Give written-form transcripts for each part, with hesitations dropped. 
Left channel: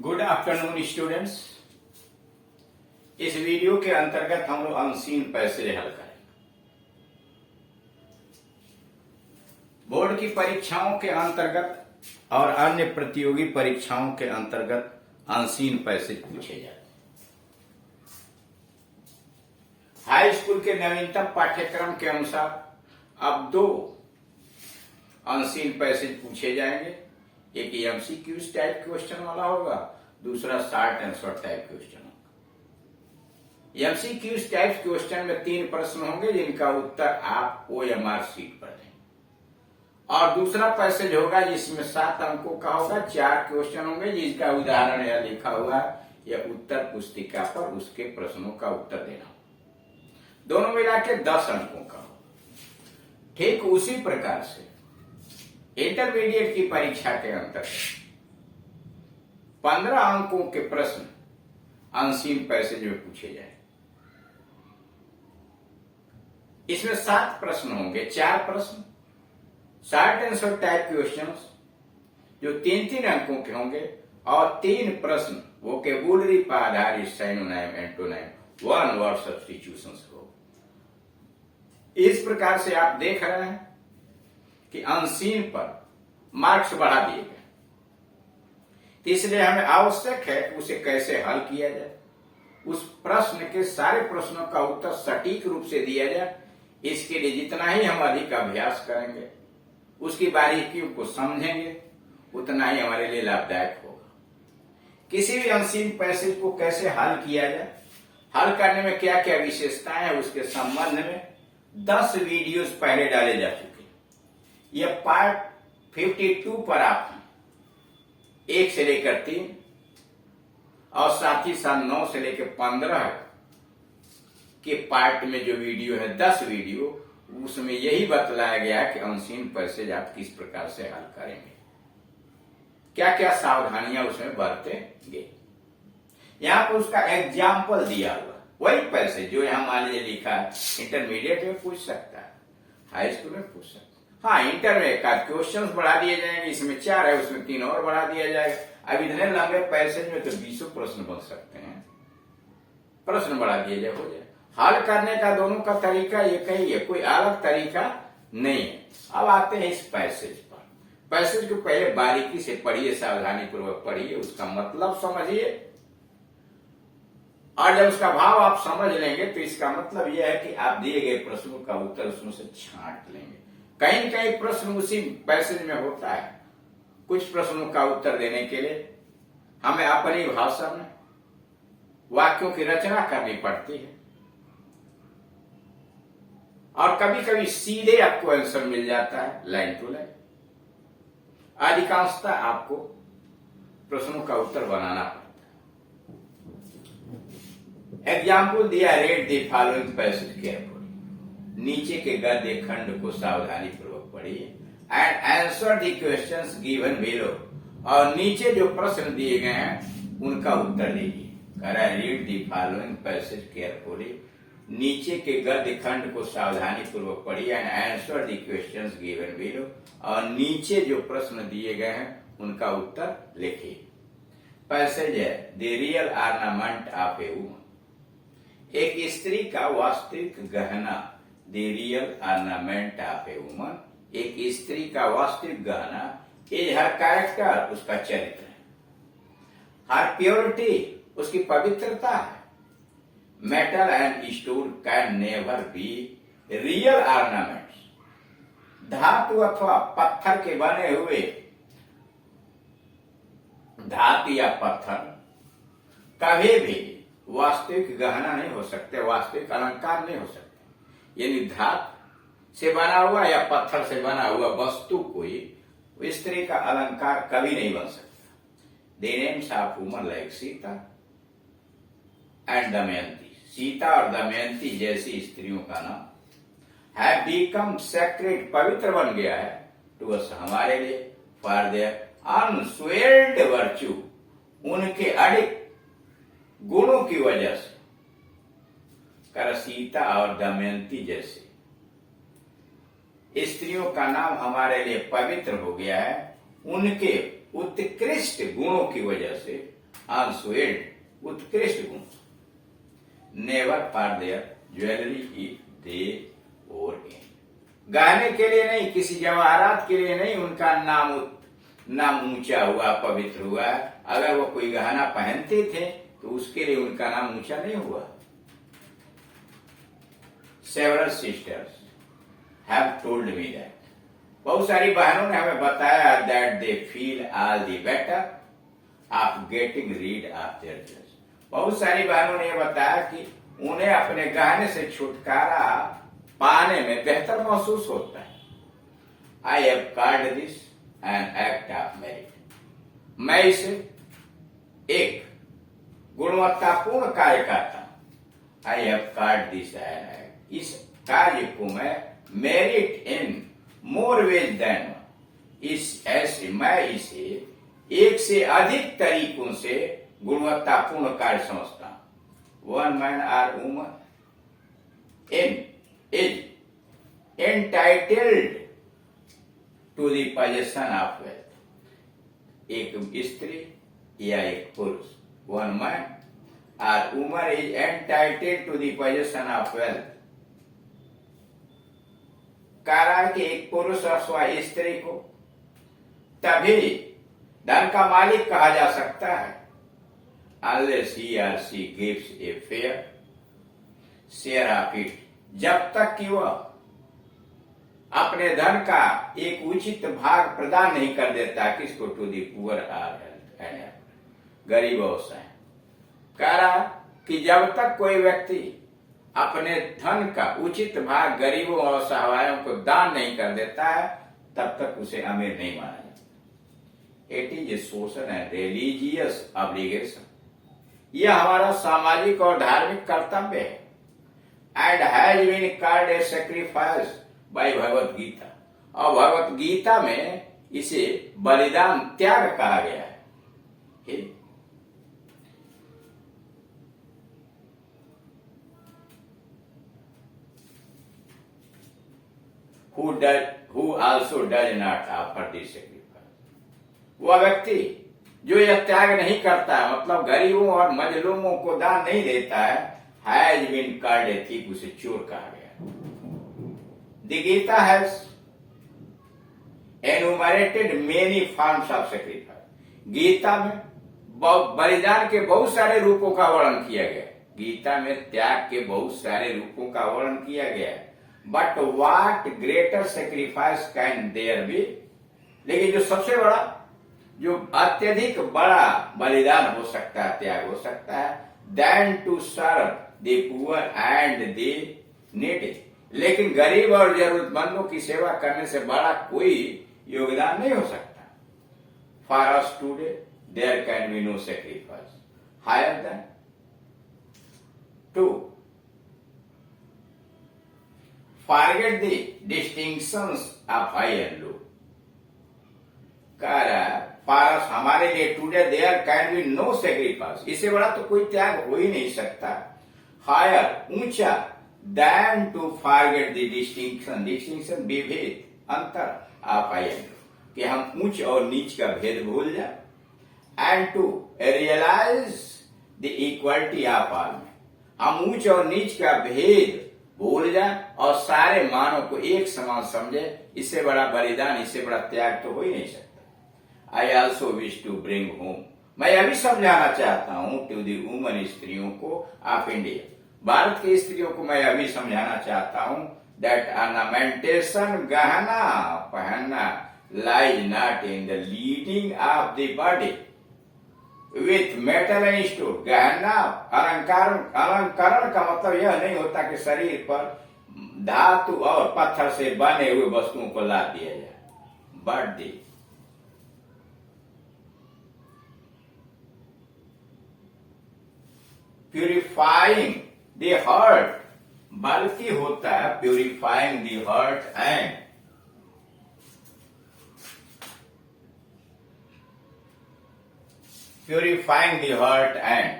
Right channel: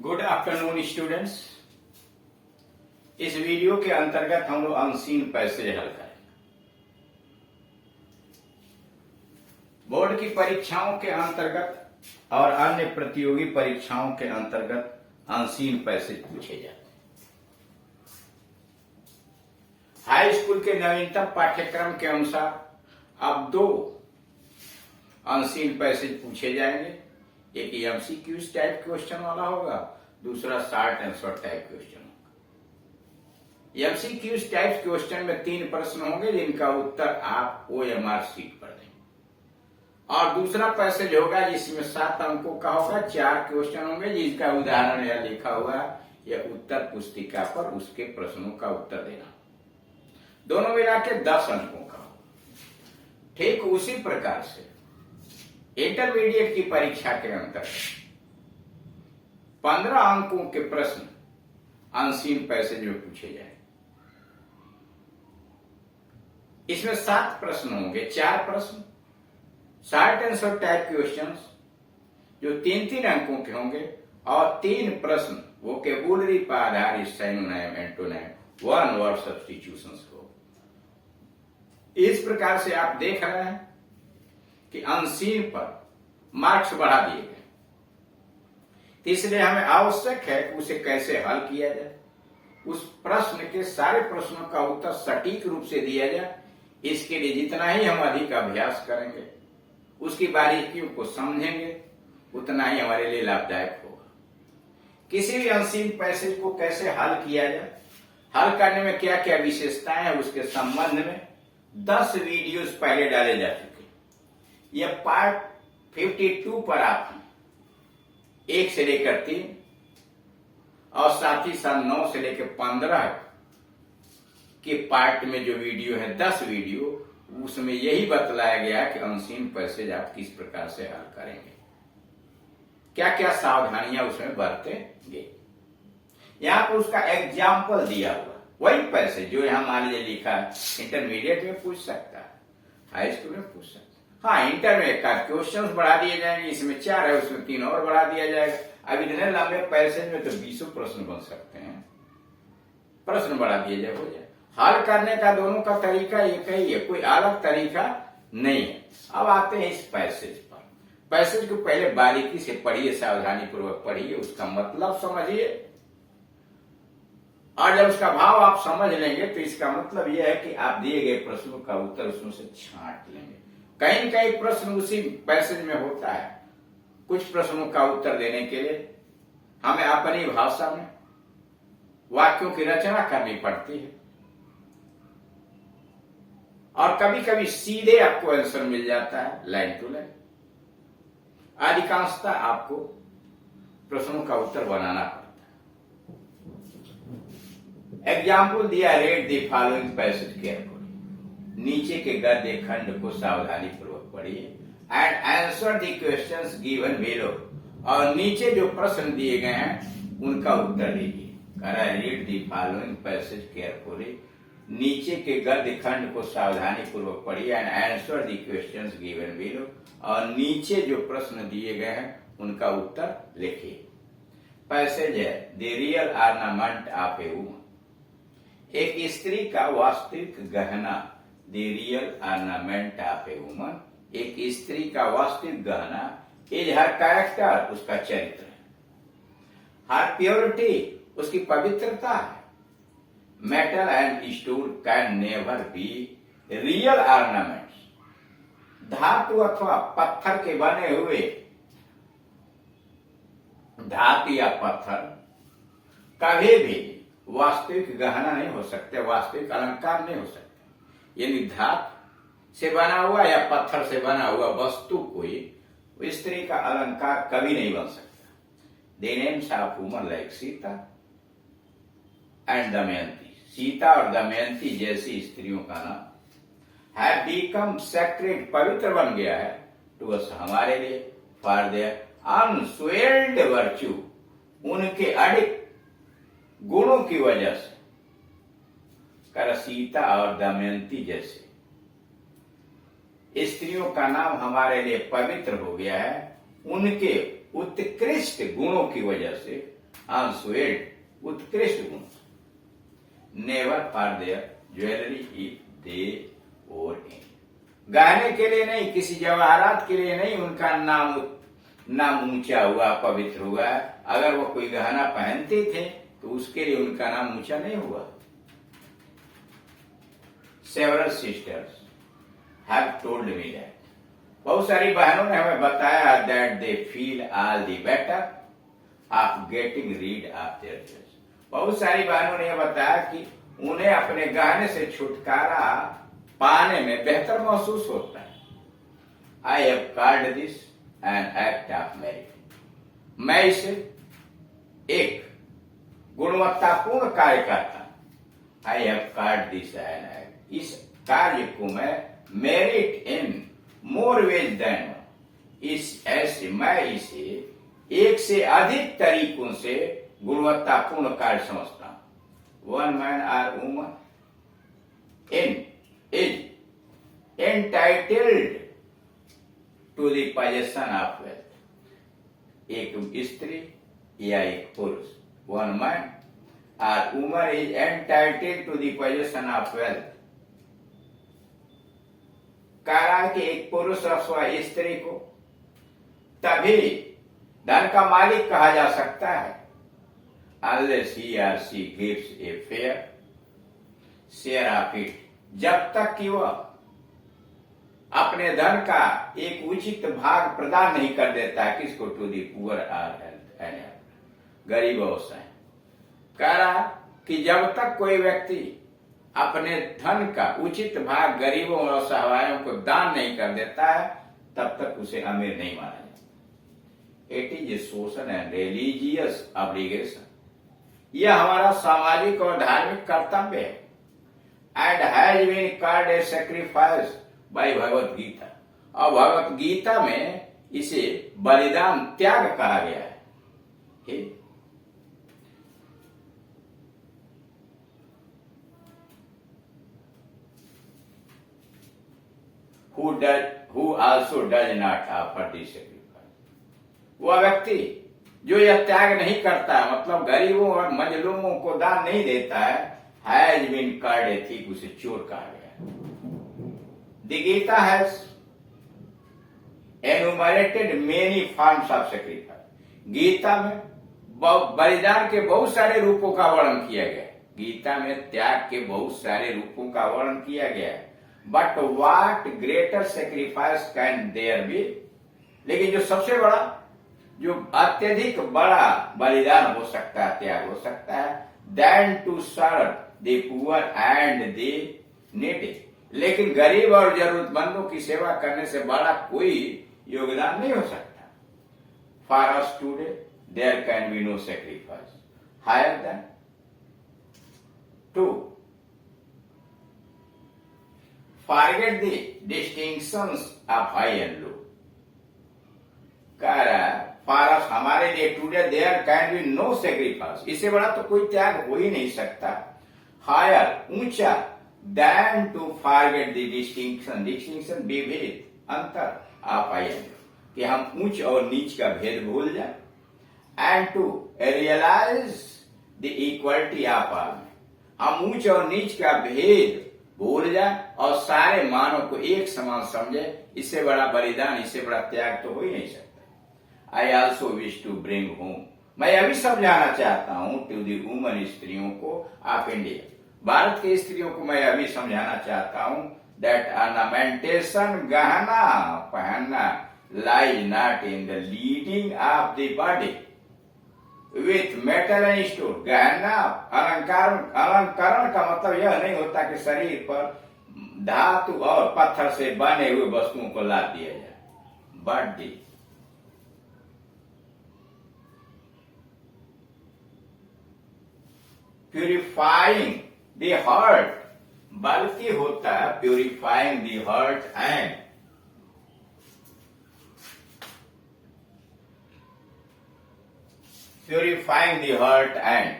Good afternoon students. इस video के अंतर्गत हम लोग अनसीन पैसेज हल करेंगे। बोर्ड की परीक्षाओं के अंतर्गत और अन्य प्रतियोगी परीक्षाओं के अंतर्गत अनसीन पैसेज पूछे जाते हैं। हाई स्कूल के नवीनतम पाठ्यक्रम के अनुसार अब दो अनसीन पैसेज पूछे जाएंगे। एक एमसीक्यूज टाइप क्वेश्चन वाला होगा, दूसरा शॉर्ट आंसर टाइप क्वेश्चन होगा। एमसीक्यूज टाइप क्वेश्चन में 3 प्रश्न होंगे जिनका उत्तर आप ओएमआर शीट पर देंगे, और दूसरा पैसेज होगा जिसमें 7 अंकों का होगा। 4 क्वेश्चन होंगे जिसका उदाहरण यह लिखा हुआ है, यह उत्तर पुस्तिका पर उसके प्रश्नों का उत्तर देना। दोनों मिला के 10 अंकों का होगा। ठीक उसी प्रकार से इंटरमीडिएट की परीक्षा के अंतर्गत 15 अंकों के प्रश्न अनसीन पैसेज में पूछे जाए। इसमें 7 प्रश्न होंगे, 4 प्रश्न शॉर्ट आंसर टाइप क्वेश्चंस जो 3-3 अंकों के होंगे, और 3 प्रश्न वोकेबुलरी पर आधारित synonym, antonym, one word substitutions हो। इस प्रकार से आप देख रहे हैं कि अनसीन पर मार्क्स बढ़ा दिए गए, इसलिए हमें आवश्यक है कि उसे कैसे हल किया जाए, उस प्रश्न के सारे प्रश्नों का उत्तर सटीक रूप से दिया जाए। इसके लिए जितना ही हम अधिक अभ्यास करेंगे, उसकी बारीकियों को समझेंगे, उतना ही हमारे लिए लाभदायक होगा। किसी भी अनसीन पैसेज को कैसे हल किया जाए, हल करने में क्या क्या विशेषताएं हैं, उसके संबंध में 10 वीडियोस पहले डाले जा चुके। यह पार्ट 52 पर आप 1 से लेकर 3 और साथ ही साथ 9 से लेकर 15 के पार्ट में जो वीडियो है, 10 वीडियो, उसमें यही बतलाया गया है कि अनसीन पैसेज आप किस प्रकार से हल करेंगे, क्या क्या सावधानियां उसमें बरतेंगे। यहां पर उसका एग्जाम्पल दिया हुआ, वही पैसेज जो यहां मान लीजिए लिखा है, इंटरमीडिएट में पूछ सकता है, हाई स्कूल में पूछ सकता है। हाँ, इंटर में का क्वेश्चन बढ़ा दिए जाएंगे, इसमें 4 है, उसमें 3 और बढ़ा दिया जाएगा। अब इतने लंबे पैसेज में तो 20 प्रश्न बन सकते हैं, प्रश्न बढ़ा दिए जाए, हो जाए। हल करने का दोनों का तरीका एक ही है, कोई अलग तरीका नहीं है। अब आते हैं इस पैसेज पर। पैसेज को पहले बारीकी से पढ़िए, सावधानी पूर्वक पढ़िए, उसका मतलब समझिए, और जब उसका भाव आप समझ लेंगे तो इसका मतलब यह है कि आप दिए गए प्रश्नों का उत्तर उसमें से छांट लेंगे। कहीं न कहीं प्रश्न उसी पैसेज में होता है। कुछ प्रश्नों का उत्तर देने के लिए हमें अपनी भाषा में वाक्यों की रचना करनी पड़ती है, और कभी कभी सीधे आपको आंसर मिल जाता है, लाइन टू लाइन। अधिकांशतः आपको प्रश्नों का उत्तर बनाना पड़ता है। एग्जाम्पल दिया, read the following passage carefully. नीचे के गद्य खंड को सावधानी पूर्वक पढ़िए, and answer the questions given below. और नीचे जो प्रश्न दिए गए हैं उनका उत्तर दीजिए। कह रहा है read the following passage carefully, नीचे के गद्य खंड को सावधानी पूर्वक पढ़िए, and answer the questions given below. और नीचे जो प्रश्न दिए गए हैं उनका उत्तर लिखिए। पैसेज है the real ornament of a woman. एक स्त्री का वास्तविक गहना, the real ornament of a woman, एक स्त्री का वास्तविक गहना, इज हर कैरेक्टर, उसका चरित्र है, हर प्योरिटी, उसकी पवित्रता है, metal and stone can never be real ornaments. धातु अथवा पत्थर के बने हुए, धातु या पत्थर कभी भी वास्तविक गहना नहीं हो सकते, वास्तविक अलंकार नहीं हो सकते। यानी धातु से बना हुआ या पत्थर से बना हुआ वस्तु कोई स्त्री का अलंकार कभी नहीं बन सकता। The names of woman like Sita and Damayanti, Sita और दमयंती जैसी स्त्रियों का नाम हैव बिकम सेक्रेड, पवित्र बन गया है, टू अस, हमारे लिए, फॉर देयर अनस्वेल्ड वर्च्यू, उनके अडिग गुणों की वजह से। कर सीता और दमयंती जैसे स्त्रियों का नाम हमारे लिए पवित्र हो गया है, उनके उत्कृष्ट गुणों की वजह से अनस्वेल्ड उत्कृष्ट गुण, never for their jewellery if they और इन, गहने के लिए नहीं, किसी जवाहरात के लिए नहीं उनका नाम ऊंचा हुआ, पवित्र हुआ। अगर वो कोई गहना पहनते थे तो उसके लिए उनका नाम ऊंचा नहीं हुआ। Several sisters have told me that, बहुत सारी बहनों ने हमें बताया that they feel all the better of getting read of their jewels, बहुत सारी बहनों ने यह बताया कि उन्हें अपने गहने से छुटकारा पाने में बेहतर महसूस होता है। I have called this an act of merit, मैं इसे एक गुणवत्तापूर्ण कार्य करता हूं। I have called this an act, इस कार्य को मैं merit in more ways than one, इस ऐसे मैं इसे एक से अधिक तरीकों से गुणवत्तापूर्ण कार्य समझता हूं। One man or woman in is entitled to the possession of wealth, एक स्त्री या एक पुरुष, one man or woman is entitled to the possession of wealth, कह रहा है कि एक पुरुष अथवा स्त्री को तभी धन का मालिक कहा जा सकता है unless he or she gives a fair share of it, जब तक कि वह अपने धन का एक उचित भाग प्रदान नहीं कर देता किसको, to the poor or and गरीब अवस्थाएं। कह रहा कि जब तक कोई व्यक्ति अपने धन का उचित भाग गरीबों और असहायों को दान नहीं कर देता है तब तक उसे अमीर नहीं माना जाता। It is a social and religious obligation, यह हमारा सामाजिक और धार्मिक कर्तव्य है। And has been called a sacrifice by Bhagavad Gita, और भगवत गीता में इसे बलिदान त्याग कहा गया है। who also does not offer this sacrifice, वह व्यक्ति जो यह त्याग नहीं करता है, मतलब गरीबों और मजलूमों को दान नहीं देता है, has been called a thief, उसे चोर कहा गया। The Gita has enumerated many forms of sacrifice, Gita में बलिदान के बहुत सारे रूपों का वर्णन किया गया है। गीता में त्याग के बहुत सारे रूपों का वर्णन किया गया है। But what greater sacrifice can there be, लेकिन जो सबसे बड़ा, जो अत्यधिक बड़ा बलिदान हो सकता है, त्याग हो सकता है, then to serve the poor and the needy, लेकिन गरीब और जरूरतमंदों की सेवा करने से बड़ा कोई योगदान नहीं हो सकता। For us today there can be no sacrifice higher than to forget the distinctions of high and low, कह रहा है फारस हमारे लिए today there can be no sacrifice, इससे बड़ा तो कोई त्याग हो ही नहीं सकता। हायर ऊंचा, then to forget the distinction, distinction विभेद, अंतर ऑफ हाई एंड लो, कि हम ऊंच और नीच का भेद भूल जाए। And to realise the equality of all में, हम ऊंच और नीच का भेद भूल जाए और सारे मानव को एक समान समझे। इससे बड़ा बलिदान, इससे बड़ा त्याग तो हो ही नहीं सकता। I also wish to bring home, मैं यह भी समझाना चाहता हूं टू दी वुमन, स्त्रियों को ऑफ इंडिया, भारत की स्त्रियों को मैं यह भी समझाना चाहता हूं दैट ऑर्नामेंटेशन, गहना पहनना, lies not in the leading of the body with metal and stone, गहना अलंकरण का मतलब यह नहीं होता कि शरीर पर धातु और पत्थर से बने हुए वस्तुओं को लाद दिया जाए, but the purifying the heart, बल्कि होता है purifying the heart and purifying the heart and,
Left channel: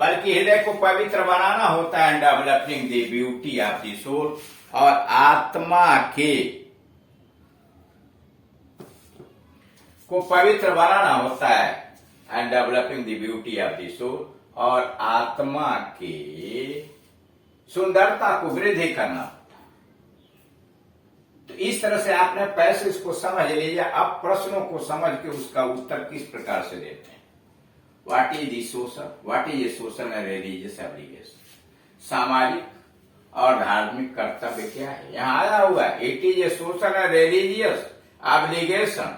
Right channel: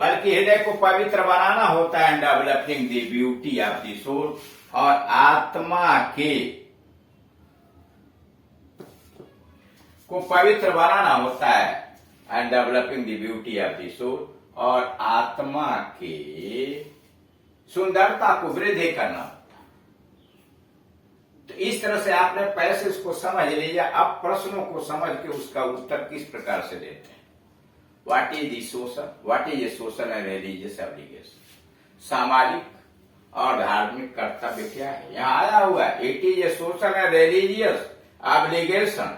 बल्कि हृदय को पवित्र बनाना होता है। And developing the beauty of the soul, और आत्मा के को पवित्र बनाना होता है and developing the beauty of the soul, और आत्मा की सुंदरता को वृद्धि करना होता है। तो इस तरह से आपने पैसेज को समझ लिया। अब प्रश्नों को समझ के उसका उत्तर किस प्रकार से देते हैं। What is the social, what is a social and religious obligation, सामाजिक और धार्मिक कर्तव्य क्या है। यहां आया हुआ है it is a social and religious obligation.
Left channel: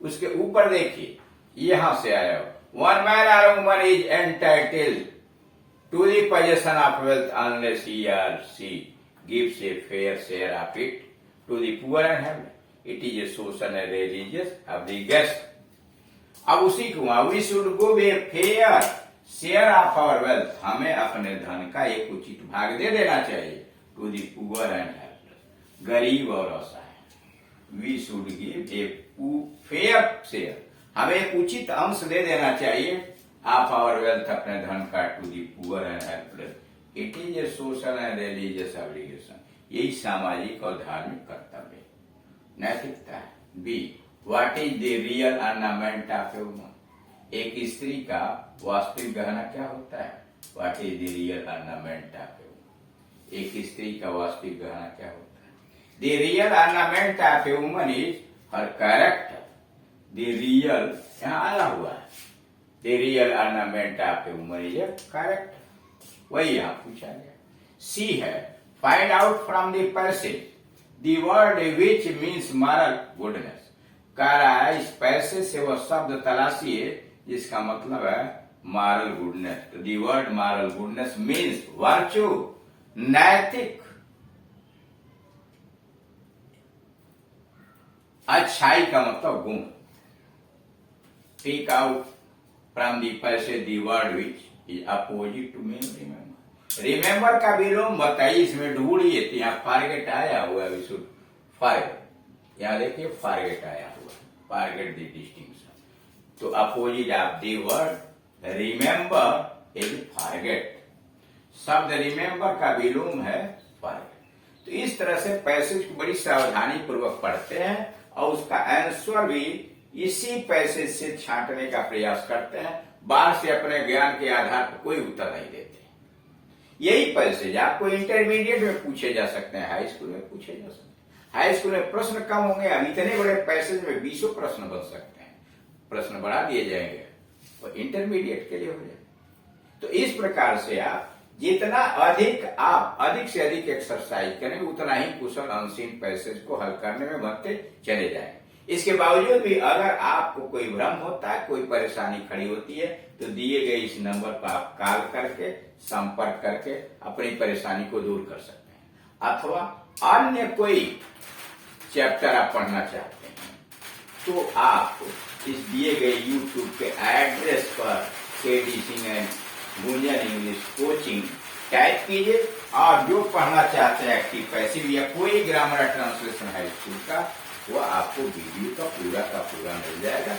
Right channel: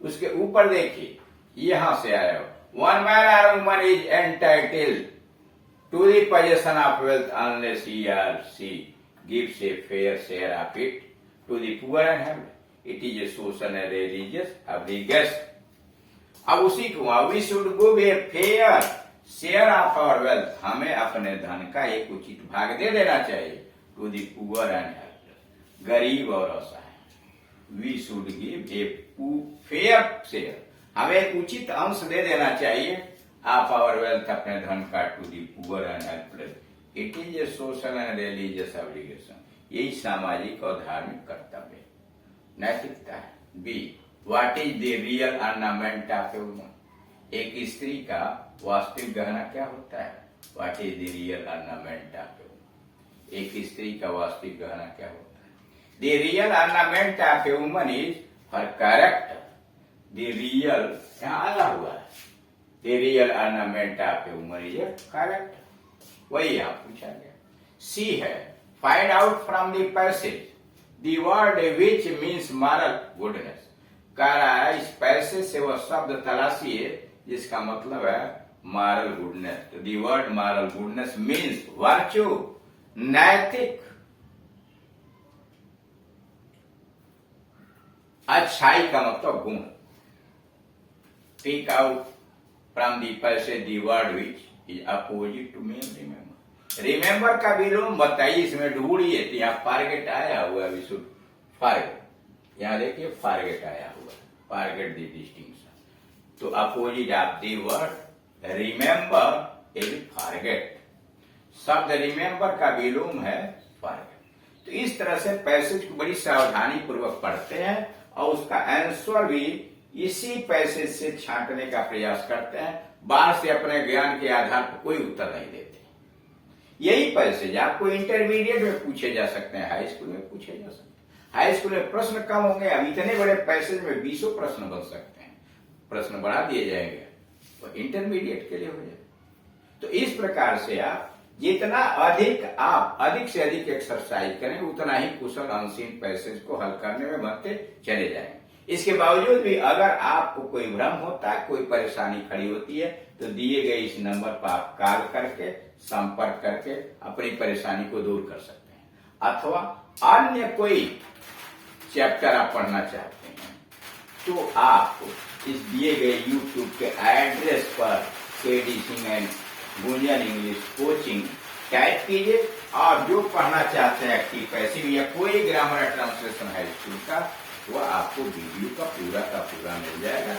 उसके ऊपर देखिए, यहां से आया हुआ, one man or woman is entitled to the possession of wealth unless he or she gives a fair share of it to the poor and health. It is a social and religious obligation. अब उसी को we should give a fair share of our wealth, हमें अपने धन का एक उचित भाग दे देना चाहिए to the poor and health, गरीब और असहाय। We should give a fair share, हमें एक उचित अंश दे देना चाहिए ऑफ आवर वेल्थ, अपने धन का to the poor and helpless. It is a social and religious obligation. यही सामाजिक और धार्मिक कर्तव्य नैतिकता है। B, what is the real ornament of a woman, एक स्त्री का वास्तविक गहना क्या होता है। What is the real ornament of a woman, एक स्त्री का वास्तविक गहना क्या होता है। The real ornament of a woman is her character. The real यहां आया हुआ है, the real ornament of a woman is character, वही यहां पूछा गया। सी है, find out from the passage the word which means moral goodness. कह रहा है इस पैसेज से वह शब्द तलाशिए जिसका मतलब है मॉरल गुडनेस। तो the word moral goodness means virtue, नैतिक, अच्छाई का मतलब गुण। Pick out from the passage the word which is opposite to main remember. Remember का विलोम बताइए, इसमें ढूंढिए। तो यहाँ फारगेट आया हुआ है, विशुद्ध फारगेट, यहाँ देखिए फारगेट आया हुआ, फारगेट द डिस्टिंक्शन। तो opposite of the word remember is forget. शब्द रिमेंबर का विलोम है फारगेट। तो इस तरह से पैसेज को बड़ी सावधानी पूर्वक पढ़ते हैं और उसका आंसर भी इसी पैसेज से छांटने का प्रयास करते हैं। बाहर से अपने ज्ञान के आधार पर कोई उत्तर नहीं देते। यही पैसेज आपको इंटरमीडिएट में पूछे जा सकते हैं, हाई स्कूल में पूछे जा सकते हैं। हाई स्कूल में प्रश्न कम होंगे, अब इतने बड़े पैसेज में 20 प्रश्न बन सकते हैं। प्रश्न बढ़ा दिए जाएंगे और इंटरमीडिएट के लिए हो जाए। तो इस प्रकार से आप जितना अधिक से अधिक एक्सरसाइज करें, उतना ही कुशल अनसीन पैसेज को हल करने में बढ़ते चले जाएंगे। इसके बावजूद भी अगर आपको कोई भ्रम होता है, कोई परेशानी खड़ी होती है, तो दिए गए इस नंबर पर आप कॉल करके संपर्क करके अपनी परेशानी को दूर कर सकते हैं। अथवा अन्य कोई चैप्टर आप पढ़ना चाहते हैं तो आप इस दिए गए YouTube के एड्रेस पर KD Singh and Gunjan English coaching type कीजिए और जो पढ़ना चाहते हैं एक्टिव पैसिव या कोई ग्रामर ट्रांसलेशन है स्कूल का, वो आपको वीडियो का पूरा मिल जाएगा।